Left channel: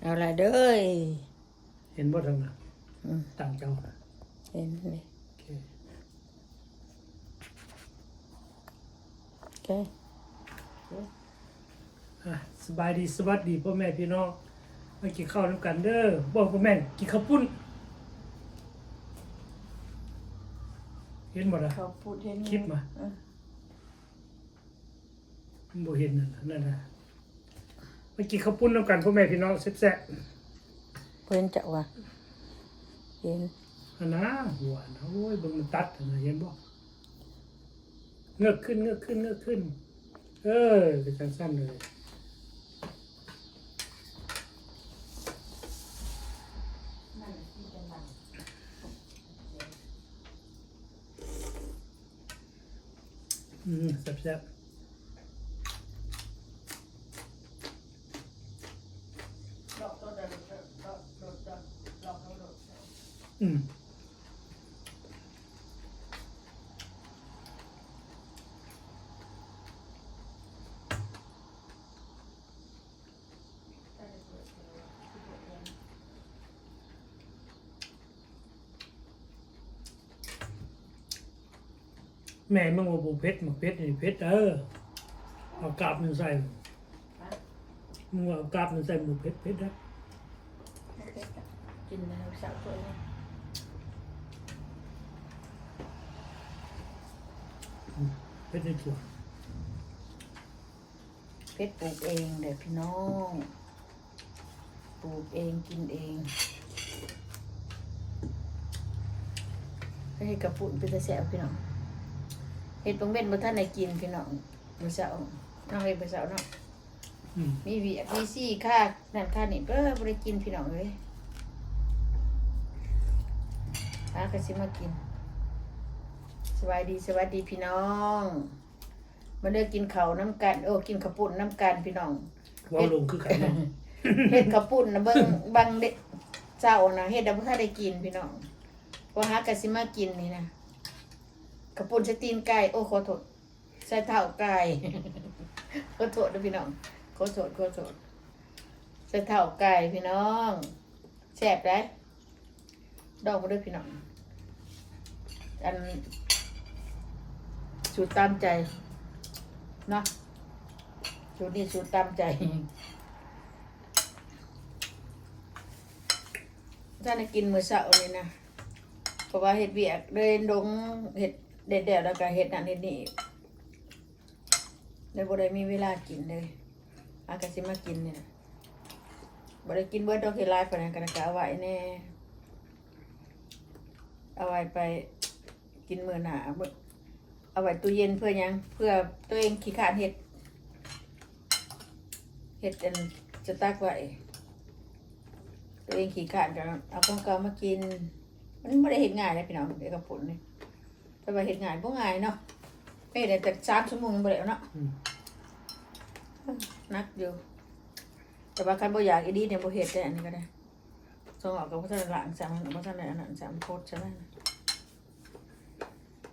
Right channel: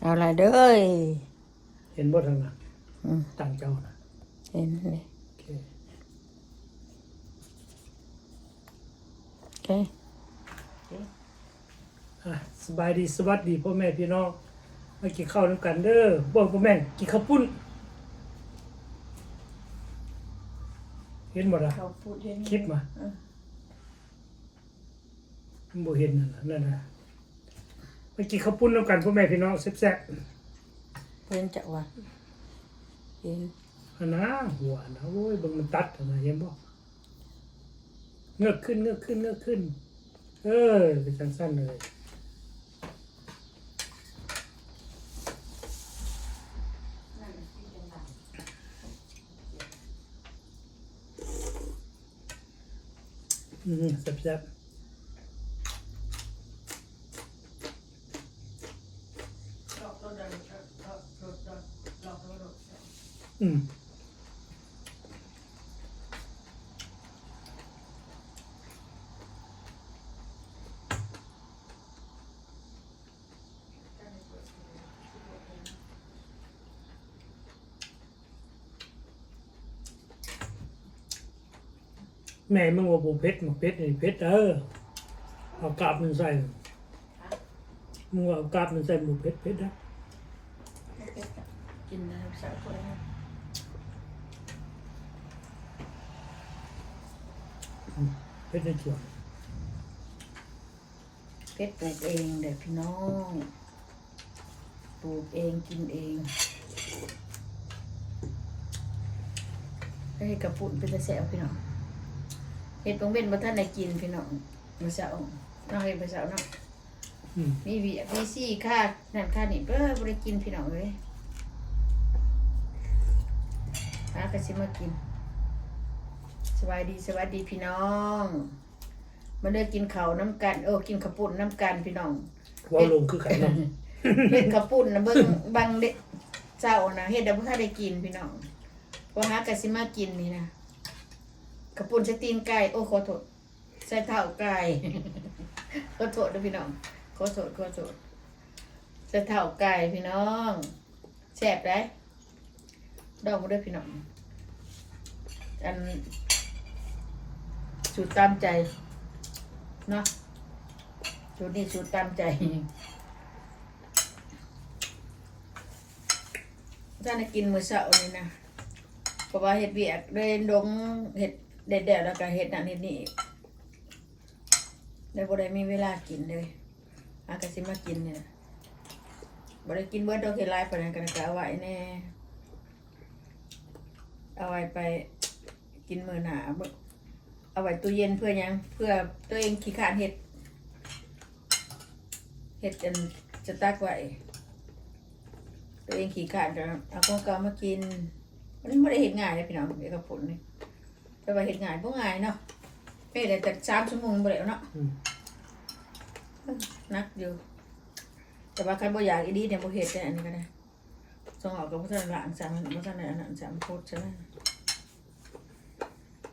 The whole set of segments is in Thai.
เอาละเด้อเห็นบ่ทางน่ะอืมต่างเจ้าน่ะเห็นเลยโอเคโอเคอะสบายดีสวัสดีพ่อแม่พี่น้องมากินข้าวน้ำกันเด้อบ่พ่อแม่นกินข้าวปุ้น เห็นบ่ล่ะ เขาพูดเห็นคลิปมาเออ บ่เห็นนั่นน่ะนั่นน่ะ มากินข้าวปุ้นน้ำกันพ่อแม่พี่น้องแซ่บเห็นจะว่าเห็นๆอันนะหัวนะโอ้ยเบิ่งมันตัดอันนะเห็นบ่เงือกขึ้นเงือกขึ้นเงือกขึ้น เออเป็นจังสั้นเลยอืมแซ่บๆ อืมแม่มึงว่าบุเพชรมาเพชรนี่เพชรเออเอากาบมันใส่มึงว่าเอากาบมันใส่หมูเพชรเพชรนะ กินได้สักคน เพชรในส่วนเพชรปลูกเองเด็กพี่น้อง ปลูกเองกินเองอันนี้กระปุ่นเป็นกระแสพี่น้องเห็ดตรงเบ็ดมาท่านได้กินพี่น้องมื้อเช้าน้องเห็ดมื้อเช้าเนาะอืมมีวีมีซี่ค่านั่นค่านี่เออบริกินพี่น้องเลยอากระสิมากิน สวัสดีสวัสดีพี่น้อง มาเลือกกินข้าวน้ำกันโอ้กินข้าวปุ้นน้ำกันพี่น้องเว่าลงคือกันเนาะเฮ็ดข้าวปุ้นนะเบิ่งบางเด็กเจ้านะเฮ็ดได้บ่ทันได้กินพี่น้องว่าหากระสิมากินนี่นะข้าวปุ้นใส่ตีนไก่โอ้ขอโทษใส่เท้าไก่ขอโทษเด้อพี่น้องขอโทษขอโทษใส่เท้าไก่พี่น้องแซ่บได้ดอกบ่ได้อพี่น้องอัน สูตรตามใจเนาะสูตรนี้สูตรตามใจถ้าได้กินมื้อเช้านี่นะเพราะว่าเห็ดเวียกเลยดงเห็ดเด็ดๆแล้วก็เห็ดนั่นเห็ดนี่เลยบ่ได้มีเวลากินเลยอากาสิมากินเนี่ยบ่ได้กินเบิดดอกเห็ดหลายปานนั้นก็เอาไว้แน่เอาไว้ไปกินมื้อหน้ามื้อ เอาไว้ตู้เย็นเพื่อหยังเพื่อตัวเองขี้ขลาดเห็ดเห็ดอันจะตักไว้ตัวเองขี่ขาดกันเอาของเก่ามากิน มันไม่ได้เห็นง่ายเลยพี่น้องเด็กกับผลนี่แต่ว่าเห็นง่ายพวกง่ายเนาะไม่ได้แต่สามชั่วโมงบ่แล้วเนาะอืมนักอยู่แต่ว่าใครบ่อยากอีดีเนี่ยบ่เห็ดได้อันนี้ก็ได้ส่งออกกับพวกท่านหลังสามพวกท่านอันนั้นสามโคตรใช่ไหม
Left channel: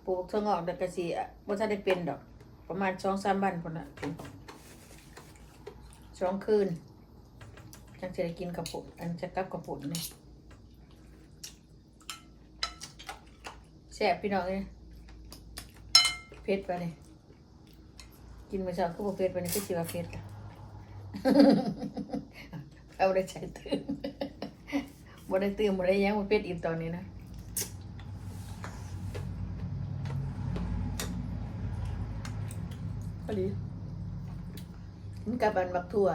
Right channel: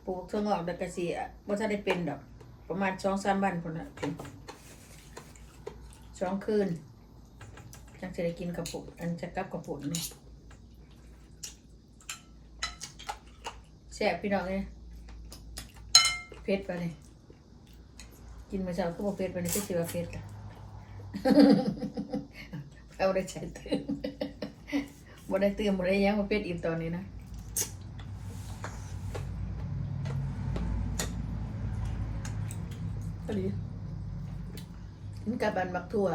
ปลูกส่งออกแต่กระสีพวกท่านได้เป็นดอก ประมาณสองสามวันคนละเป็นสองคืนจังจะได้กินกระปุกอันจะกลับกระปุกนี่แซ่บพี่น้องเลยเผ็ดไปเลยกินมาเช้าก็บอกเผ็ดไปนี่ก็เชื่อว่าเผ็ดเราได้ใช้ตื่นบ่ได้ตื่นบ่ได้ยังมาเผ็ดอีกตอนนี้นะ พอดีมันกลับบันบักทั่ว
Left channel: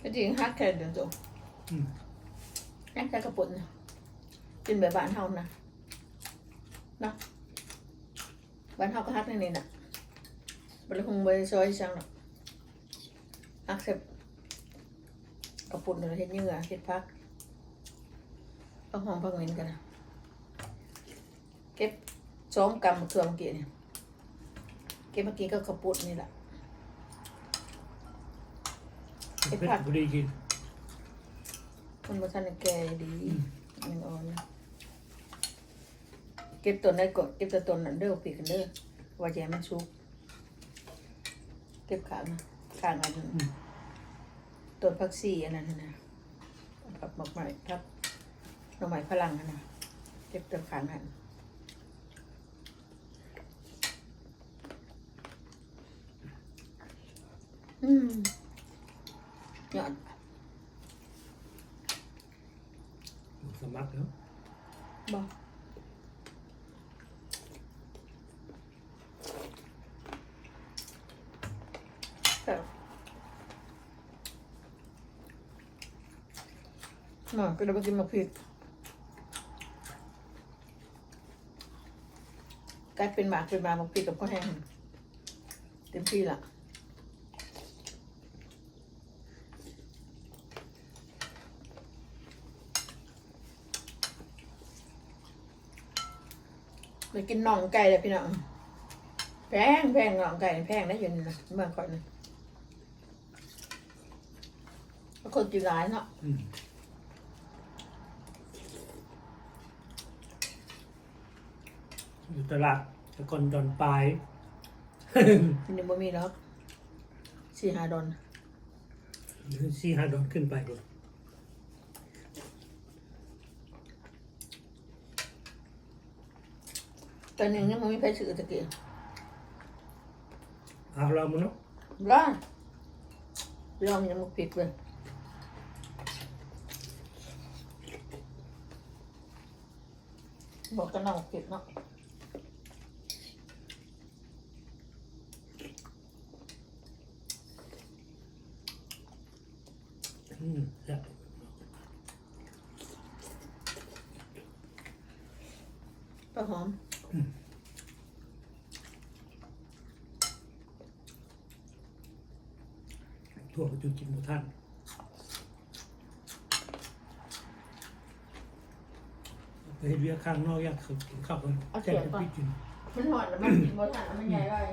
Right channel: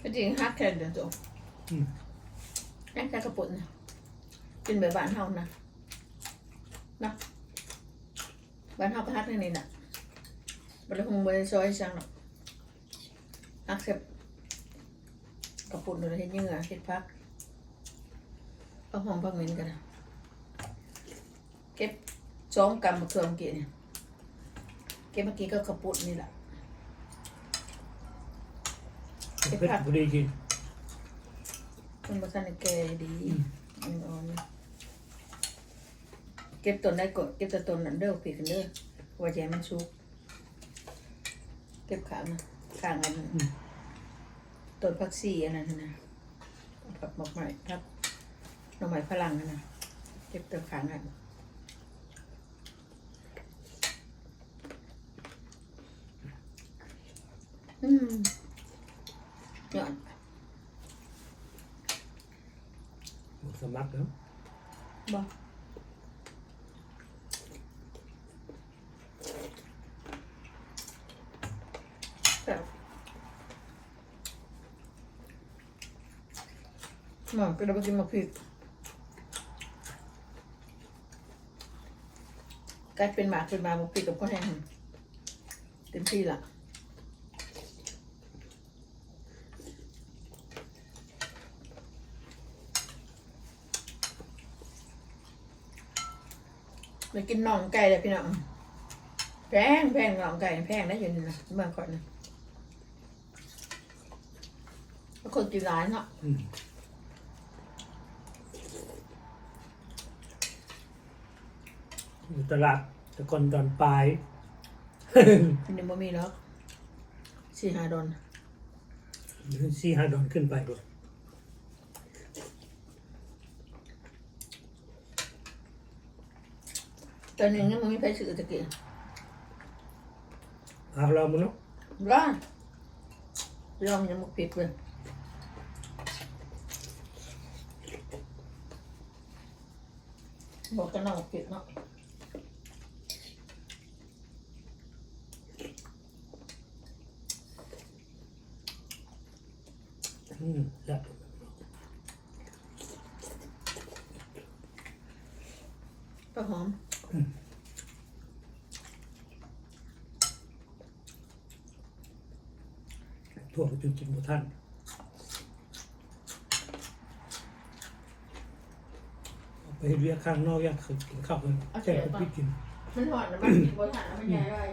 ก็จริงฮักแค่เดินจบอืมแค่แค่กระปุกเนี่ยกินแบบบ้านเฮานะนะบ้านเฮาก็ฮักในนี่นะบริคงบริซอยจังหรอกฮักเสร็จกระปุกเดี๋ยวเราเห็ดเหงื่อเห็ดพักก็หอมพักเหม็นกันนะเก็บสองกำมะเขือเมื่อกี้เนี่ย เก็บเมื่อกี้ก็กระปุกนี่แหละเพชรบุรีกิน มันมาทันได้แก่อยู่ดีมันอ่อนนะเก็บต้นได้ก่อนเก็บแต่ต้นนั้นเด้อผีกันเด้อว่าจะให้มันสุกเก็บขางนะขางอันนั้นอืมต้นพักซี่อันนั้นนะผักหมกใหม่ครับหน่อไม้ฝรั่งนะเก็บต้นขางนั่น อืมยอดหมดสมัครแล้วบอกแต่หมอก็ได้ไปกินมาพริกกลายเป็นหมาเป็นหมามาพริกกับข้าวแห้งเต็มที่ละ ไปกินน่องไก่เลยพี่น้องแพงแพงน่องไก่แพงได้ยังไงนะเมื่อก่อนนะแล้วคนกินร้านเนาะอืมอยู่ตลาดตะกอนดอนปลายอันนี้บ่มีแล้วสี่ห้าดอนสี่ห้าดอนขึ้นไปก่อน ตอนนี้ยังไม่มีใครซื้อตะเกียบเอาเรามันเนาะร้านลองยังไม่ปิดเลยบอกกันน้องปิดเนาะอืมครับก็หอม ทั่วไปจนกินหมดท่านเอาไปเรียกข้างนอกอยากกินข้าวกันแจ้งกับพี่กินมันหอมแต่มันกินบ่ทันแล้วมันใหญ่เลย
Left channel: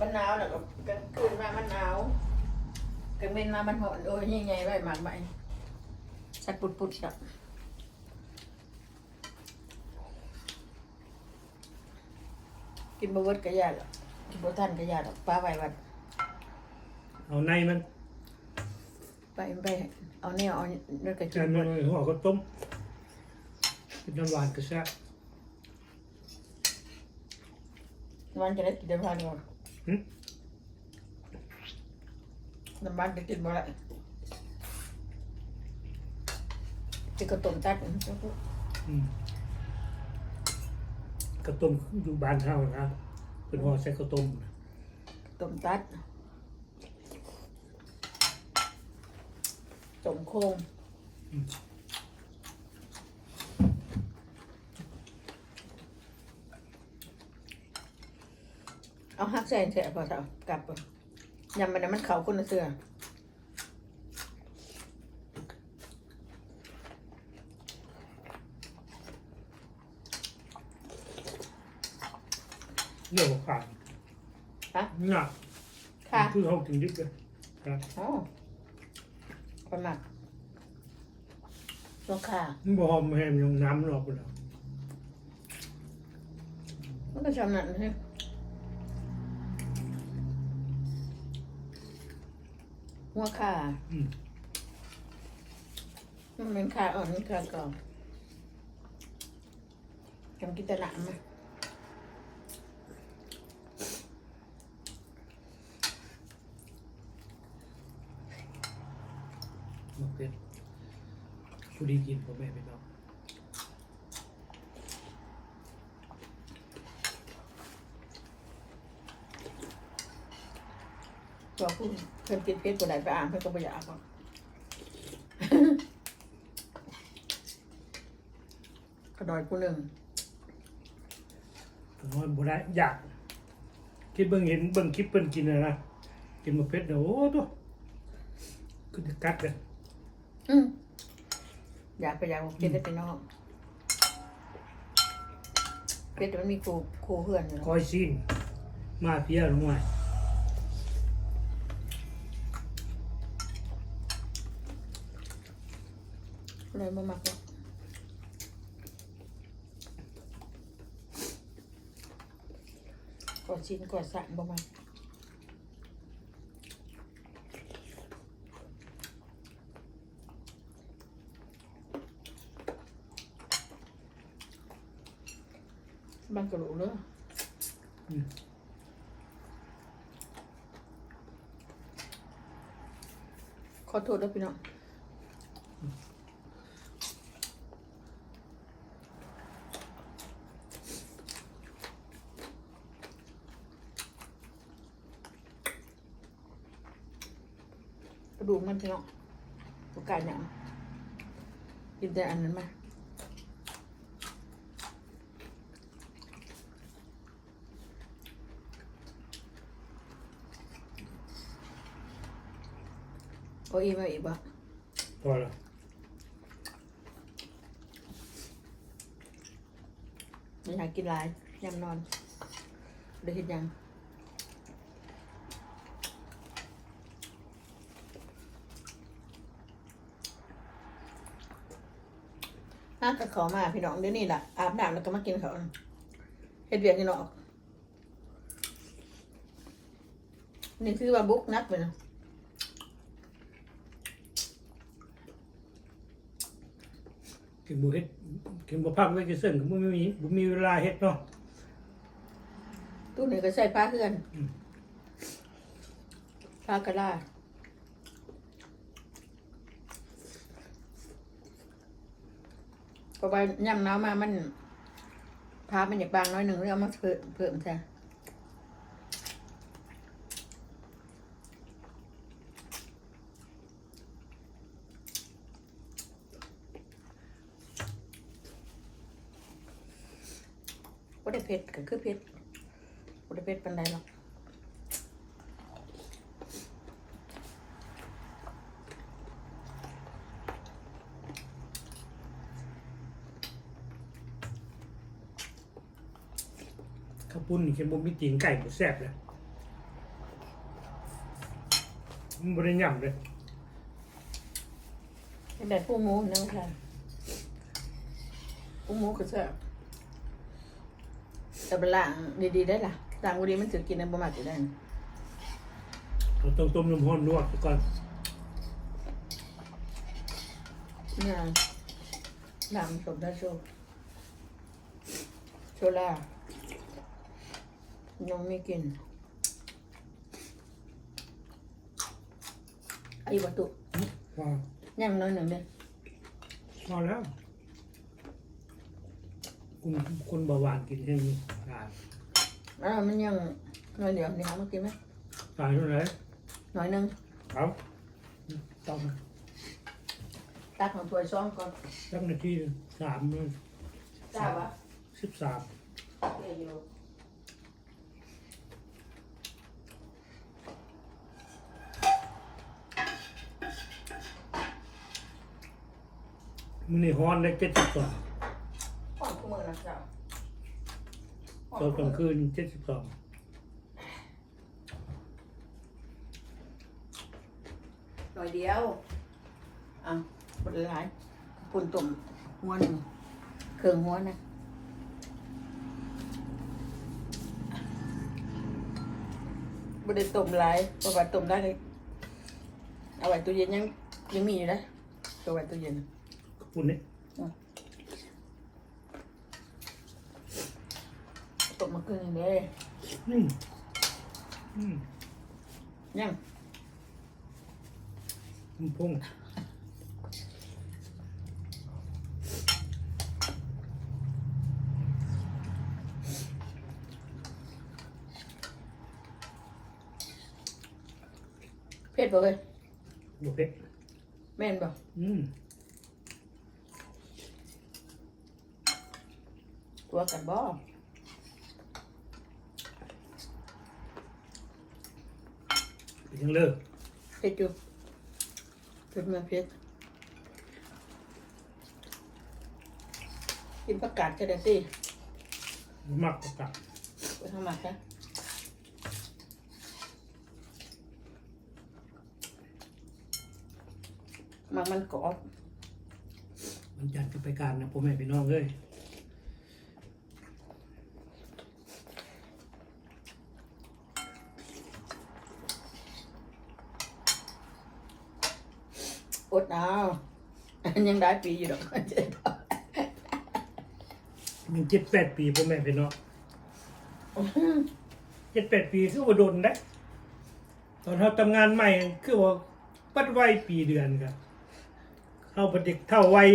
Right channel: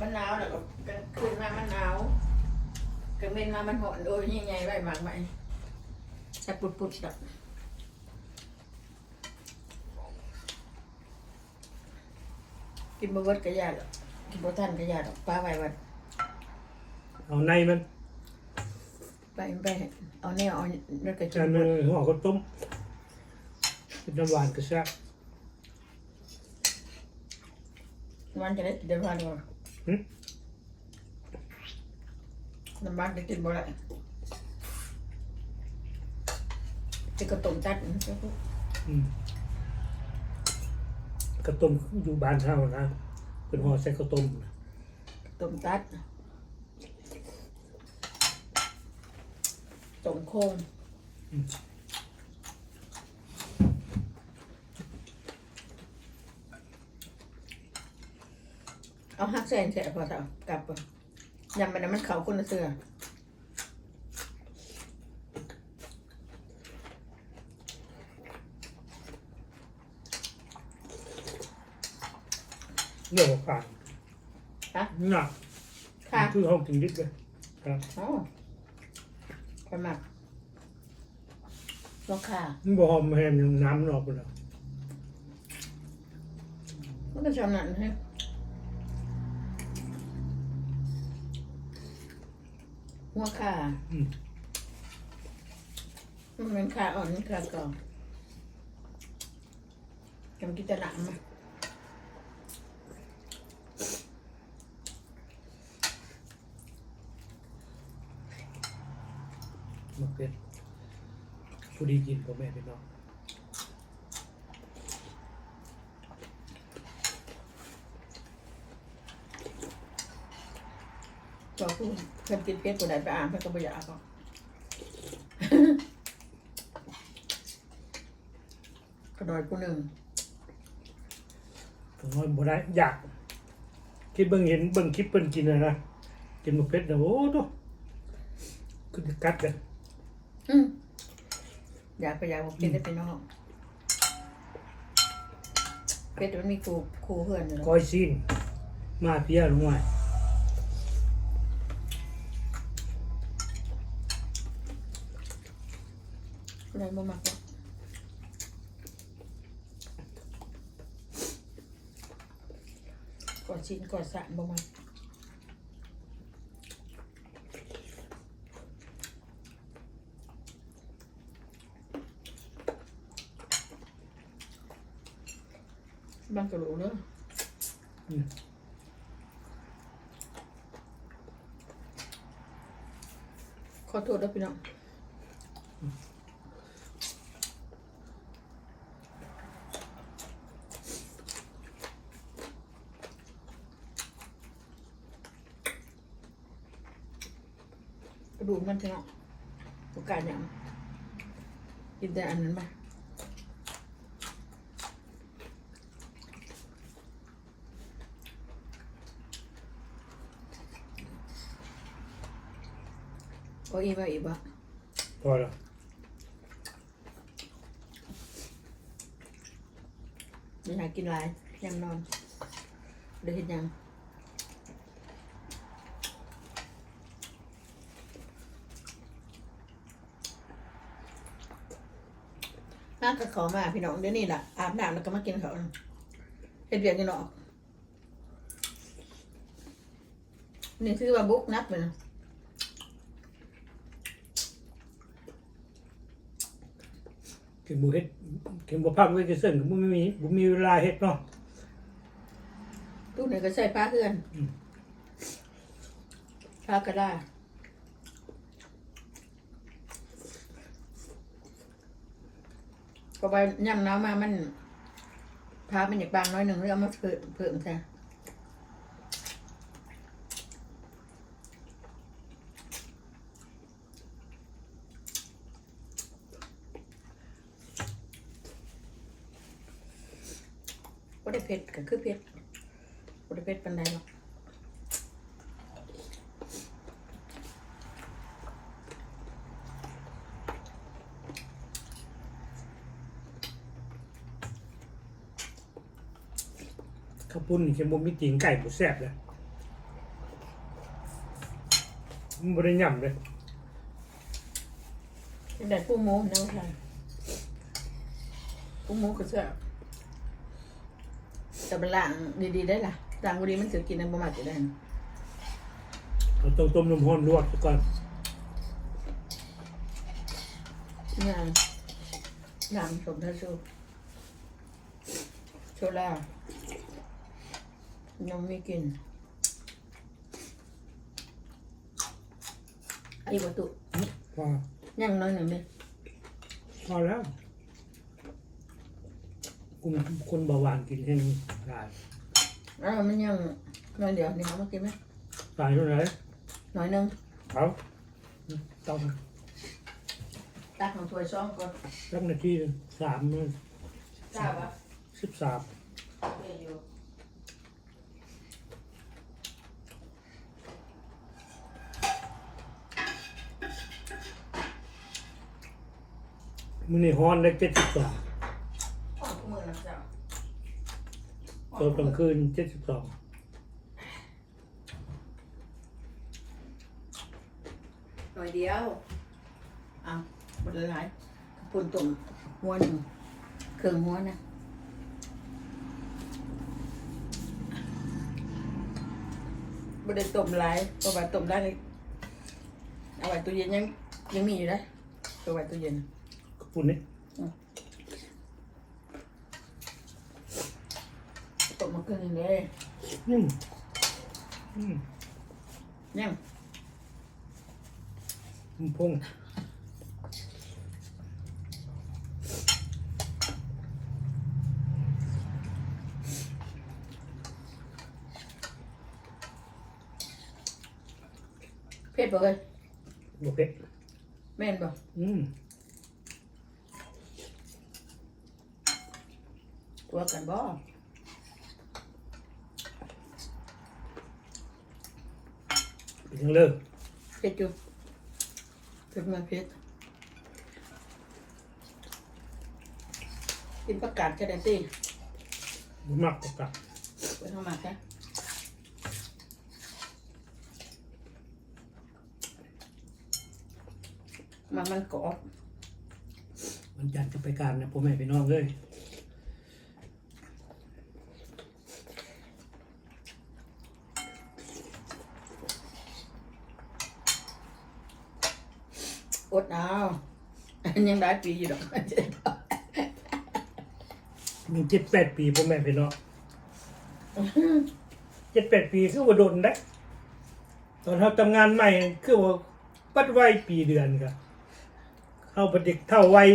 มันหนาวแล้วก็กลางคืนมามันหนาว กลางเม็นมามันหอนโอ้ยยิ่งใหญ่ไว้มากมายสัตว์ปุดปุดสัตว์กินบะเวิดกระยาดอกกินบะทันกระยาดอกปลาไว้วัดเอาในมันไปไปเอาเนี่ยเอาเลือดกระแกชิบมันหัวก็ต้มเป็นน้ำหวานกระแซะวันจะได้กินได้พันก่อนหึ น้ำมันจะกินบ่ได้จะกระตุ่มตัดนะอืมกระต้มอยู่บ้านเท่านะเป็นหัวใส่กระต้มนะตุ่มตัดตุ่มโค้งเอาหักใส่ใส่พอเถอะกลับก่อน ยำไปน้ำมันเขาคนละเสือเรื่องของการฮะหนักค่ะคือเขากินดิบเลยครับอ๋อคนมากราคามันบหอมแฮมยังน้ำมันออกไปแล้วมันก็ชำนาญฮะ หัวขาอืมมันเป็นขาอ่อนนี่ขากรอบจำกินแตหนังมามะเขือผู้ดีกินพ่อแม่พี่น้อง ตัวผู้เพิ่นกินเพชรตัวไหนไปอ่านเพิ่นก็ไม่อยากหรอกกระดอยผู้หนึ่งผมว่าบ่ได้อยาก คิดเบิ่งเห็นเบิ่งคลิปเพิ่นกินนะนะกินมะเขือเดี๋ยวโอ้ตัวคือจะกัดกันอืมอยากไปอยากกินได้ไปนอกเพชรมันมีครูครูเพื่อนอยู่แล้วก้อยซีนมาเพียลงมา เลยมามักเลยอดชิ้นกอดสานบ่มามันก็รู้เนอะอืมขอโทษด้วยพี่น้อง กระดูกมันพี่น้องโอกาสเนี่ยกินแต่อันนั้นมาเอาอีกมาอีกบ่พอแล้วไม่อยากกินหลายยังนอนเดี๋ยวเห็นยัง ห้างกับเขามาพี่น้องเดี๋ยวนี้ล่ะอาบน้ำแล้วก็มากินเขาวเฮ็ดเวียกกันเนาะนี่คือว่าบุกนักไปเนาะกินบุเฮ็ดกินบุพักไว้จะเส้นก็บ่มีบ่มีเวลาเฮ็ดเนาะตู้ไหนก็ใส่ผ้าเพื่อนอืมผ้าก็ได้ พอไปย่ำน้ำมามันผ้ามันอยากบางน้อยหนึ่งแล้วเอามาเพิ่มเพิ่มค่ะบ่ได้เผ็ดก็คือเผ็ดบ่ได้เผ็ดปานใดหรอก ปุ้นนี่เค็มบ่มีตีนไก่บ่แซ่บเลยมันบ่ได้ย่ำเลยเป็นแต่ผู้หมูนะค่ะผู้หมูก็เชื่อแต่เป็นล่างดีๆได้ล่ะล่างดีมันถือกินในประมาทจะได้นะเราต้องต้มน้ำร้อนลวกซะก่อนเนี่ยน้ำสมทัศโซโซล่า ยังไม่กินไอ้ประตูพอยังน้อยหนึ่งเลยพอแล้วคุณคนเบาหวานกินแห้งตายอ้าวมันยังน้อยเดียวเนี่ยเอามากินไหมตายเท่าไหร่น้อยหนึ่งเอาต้องตักของถ้วยซ้อมก่อนสักนาทีหนึ่งสามนาทีทราบปะสิบสาม เออยู่ มื้อนี้ฮ้อนได้เจ็ดสิบสองตอนกลางคืนเจ็ดสิบสองหน่อยเดียวอะบดหลายปุ่นตุ่มหัวหนึ่งเครื่องหัวนะบไดต้มหลายเพราะว่าต้มได้เอาไว้ตู้เย็นยังยังมีอยู่นะตัวไว้ตู้เย็น กระปุ้นนี่ต้มมาเกินเลยอืมอืมยังมันพงเผ็ดบ่เลยบ่เผ็ดแม่นบ่อืม ตัวกันบ่เป็นยังเลิกเผ็ดอยู่เผ็ดมาเผ็ดกินประกาศจะได้ตีบ่มักประกาศไปทางมาค่ะมันมันกรอบ วันจันทร์จะไปการนะพ่อแม่พี่น้องเลย ดเอาอันยังได้ปีอยู่ดอกมันเจ็ดแปดปีพ่อแม่พี่น้องเจ็ดแปดปีคือว่าโดนได้ ตอนเขาทำงานใหม่คือว่าปัดไว้ปีเดือนครับเข้าเป็นเด็กเท่าวัย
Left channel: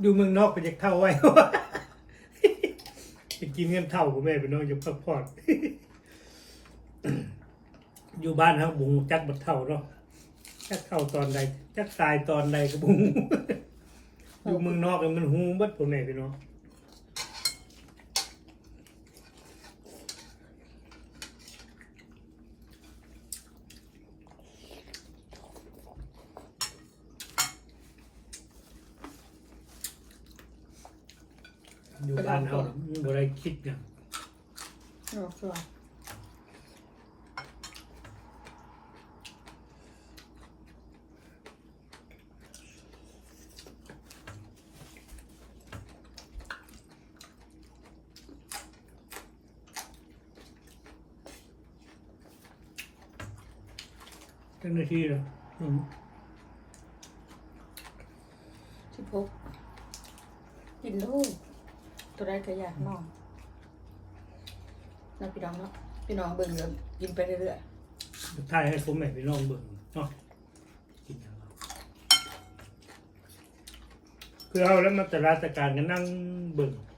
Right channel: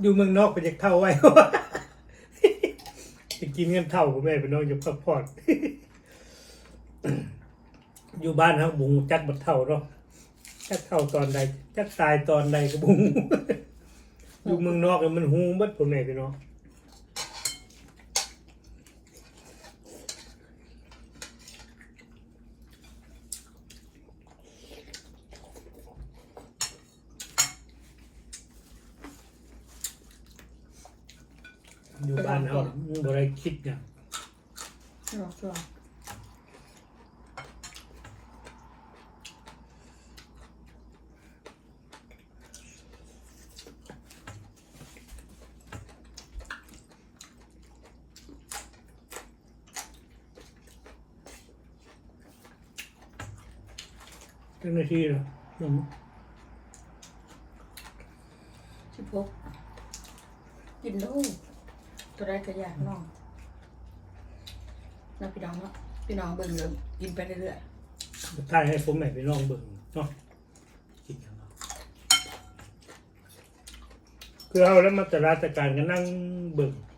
อยู่เมืองนอกเป็นเด็กเท่าวัยไปกินเงินเท่าพ่อแม่พี่น้องอยู่พักผ่อนอยู่บ้านเขาบุงจักบัดเท่าเนาะ จักเท่าตอนใดจักตายตอนใดก็บุงอยู่เมืองนอกเนี่ยมันหูเบัดพ่อแม่พี่น้องอยู่บ้านเขาบ่ได้คิดอย่างเนาะส่วน เจ้าหน้าที่เหรออืมสิบหกกินดูตัวได้ก็อยากน้องนะพี่น้องเนาะพี่น้องเบิ่งเลยกินไปเรื่อยถ่ายให้ผมแม่ไปลองเบิ่งเนาะกินอย่างไรคือเอาแล้วมาตราชการก็นั่งเบิ่งๆ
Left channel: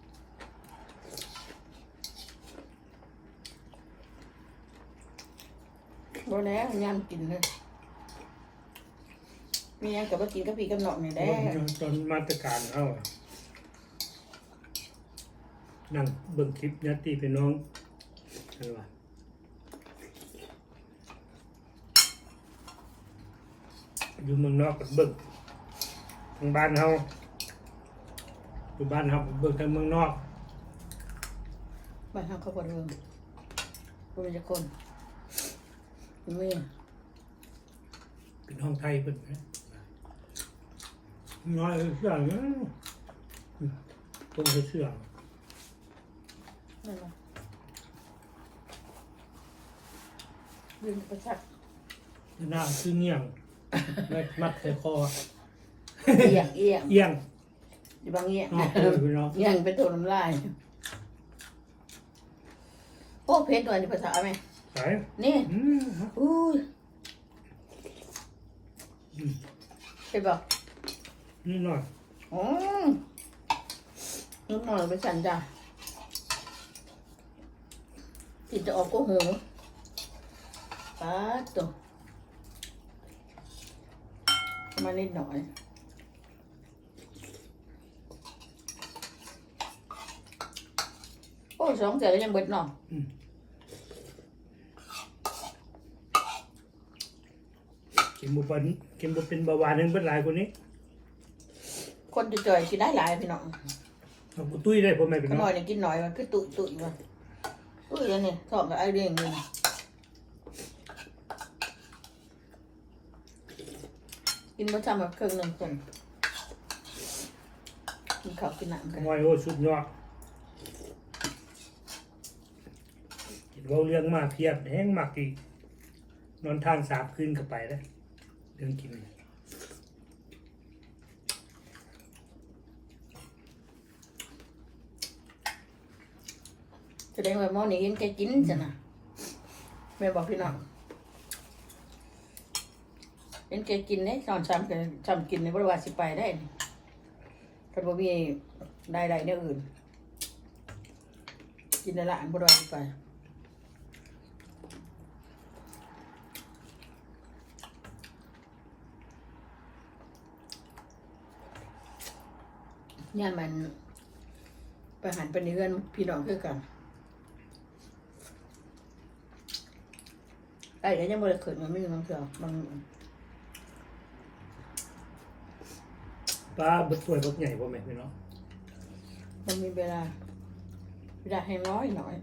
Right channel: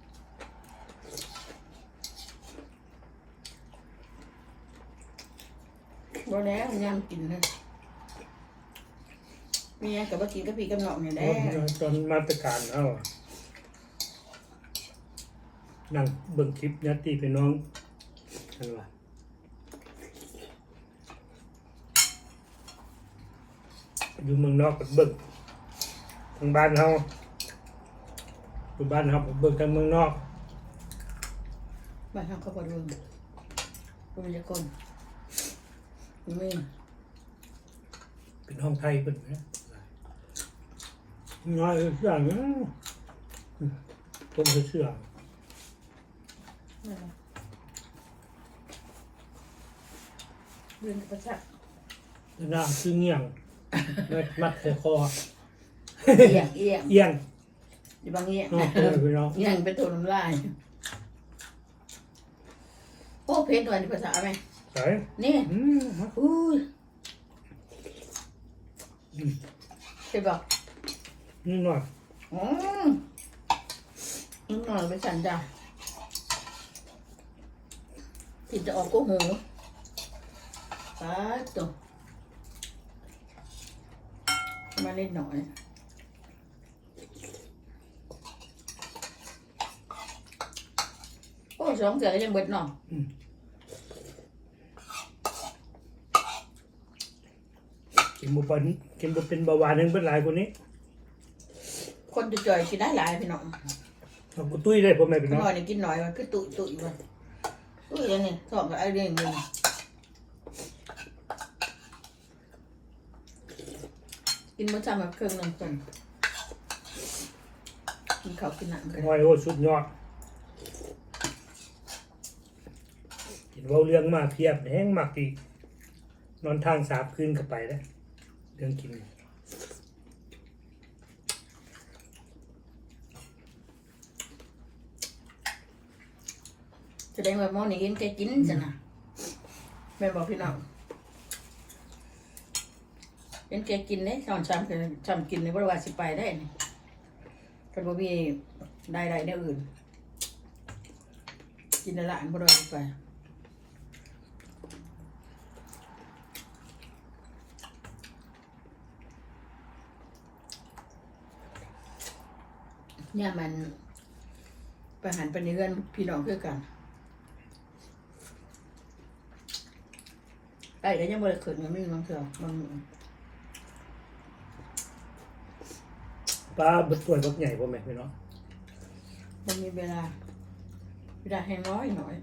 บ่แล้วยามกินเลย มีหยังกับบ่กินกับพี่กับน้องนี่แหละตอนมาตรการเอาอะนั่งเบิ่งคลิปญาติพี่น้องกันว่าอยู่เมืองนอกก็เบิ่งทางบ้านเฮาอยู่บ้านเฮาก็เบิ่งทางเมืองนอกบ้านเฮาเขาบ่เบิ่งบ่มีจักคนมีเป็นห้องไทยเป็นนะ น้อยเสื่องนะผมเคยเสื่องนั่นประจักษ์หน้าคือเงี่ยงแล้วมัดใส่คอเอียงเอียงเอียงอยู่บางเอียงนอกตัวพี่น้องเอียงเป็นตัวน้ำลายโอ้เพชรหน่อยในภาษาไหมใส่นี่อุ้ยอืมเห็นบอก นี่หน่อยอืมนิดหน่อยไปสั่นจ้ะกินจะออกก็หูตาตัวมานิดหน่อยโอ้สองเสือยังเบิดเนาะกินบุเป็นกินบุเป็นเบาหวานนึงเป็นหลายกว่านี้ คนจะจ่อยกินได้หลายพี่น้องเอากูตุ้ยได้พ่อแม่พี่น้องหน่อยเนี่ยกินหน่อยมันคือตุยตุยมันตุยยังไงสอบกับไอ้เรื่องนึงกินมื้อเช้าแบบครึ่งหนึ่งคนกินข้าวกินหนังกันน้อยโอ้สุดยอดกินเบาเรื่องมาเพียบแห้งมากดีนอนทางสามคืนก็ไปแล้วเรื่องกิน ดงว่าหม้อนี้กินแกกินจ้ะนะแม่บอกพี่น้องเป็นแกกินเนี่ยตอนช้ำกันช้ำกินในบริวารสิไปได้นี่ถ้าบ่มีได้ไรในอื่น กินในร้านบริวารสิไปเนี่ยมันไปหันไปในเรือนพี่น้องคือกัน ไอ้ก็ยังบ่ได้ขึ้นมันไม่มีบางเถื่อมันปลาบดสวยบักใหญ่พ่อแม่พี่น้องมันมีเวลา เวลาให้น้อยหน่อย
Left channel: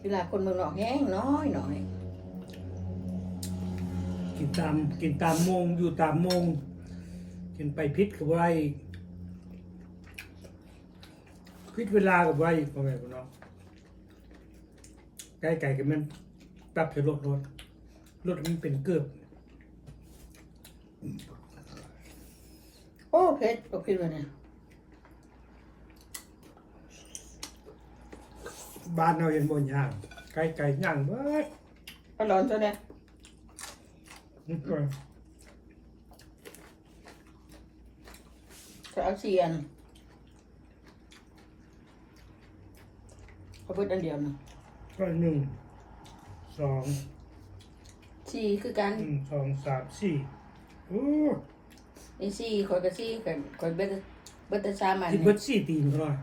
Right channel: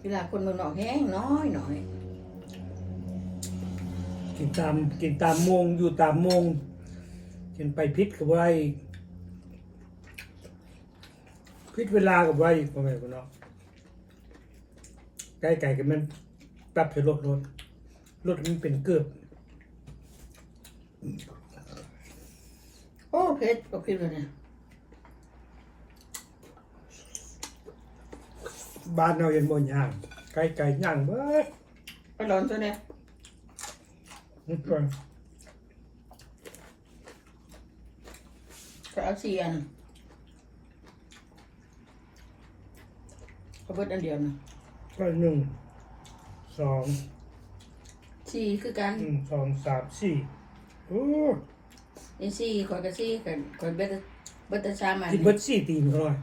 เวลาคนเมืองนอกแห้งน้อยหน่อยกินตามกินตามโมงอยู่ตามโมงกินไปพิษกับไรพิษเวลากับไรพ่อแม่พี่น้องไก่ไก่กันมัน ปรับใส่รถรถรถมันเป็นเกือบโอ้เผ็ดก็กินเลยเนี่ยบ้านเราเห็นบนย่างไก่ไก่ย่างเบิดไปร้อนซะเนี่ยนี่ก่อนก็เอาเสียนเขาเบิดอันเดียวนะก็หนึ่ง สองสี่คือกันหนึ่งสองสามสี่โอ้นี่สี่คอยกับสี่กันคอยเบิดเบิดแต่สามอันกินเบิดสี่ตีนเขาหน่อย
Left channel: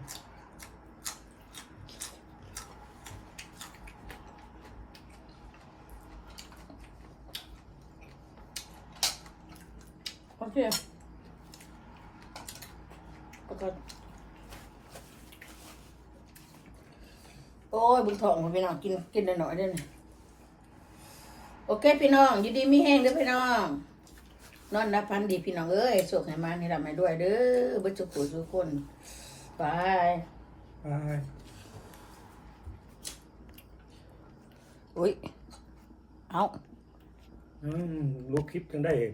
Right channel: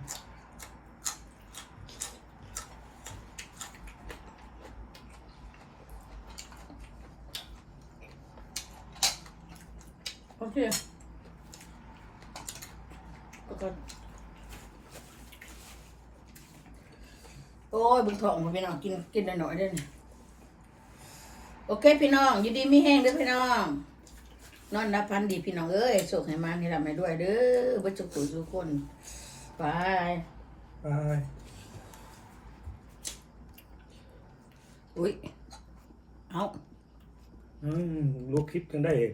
โอเคก็ก็โอ้ยบุญทองมาพี่น้องกินกินได้หน่อยได้เนี่ยโอ เคพี่น้องอยู่ดีไม่แห้งเด้อพี่น้อง นอนรับพันดีพี่น้องเอ้ยสุขให้มันให้ลำให้ด้วยเด้อเบ่จุกตัวทุกคนไปไปอุ้ยเอาอืมลูกคลิปกันได้เอง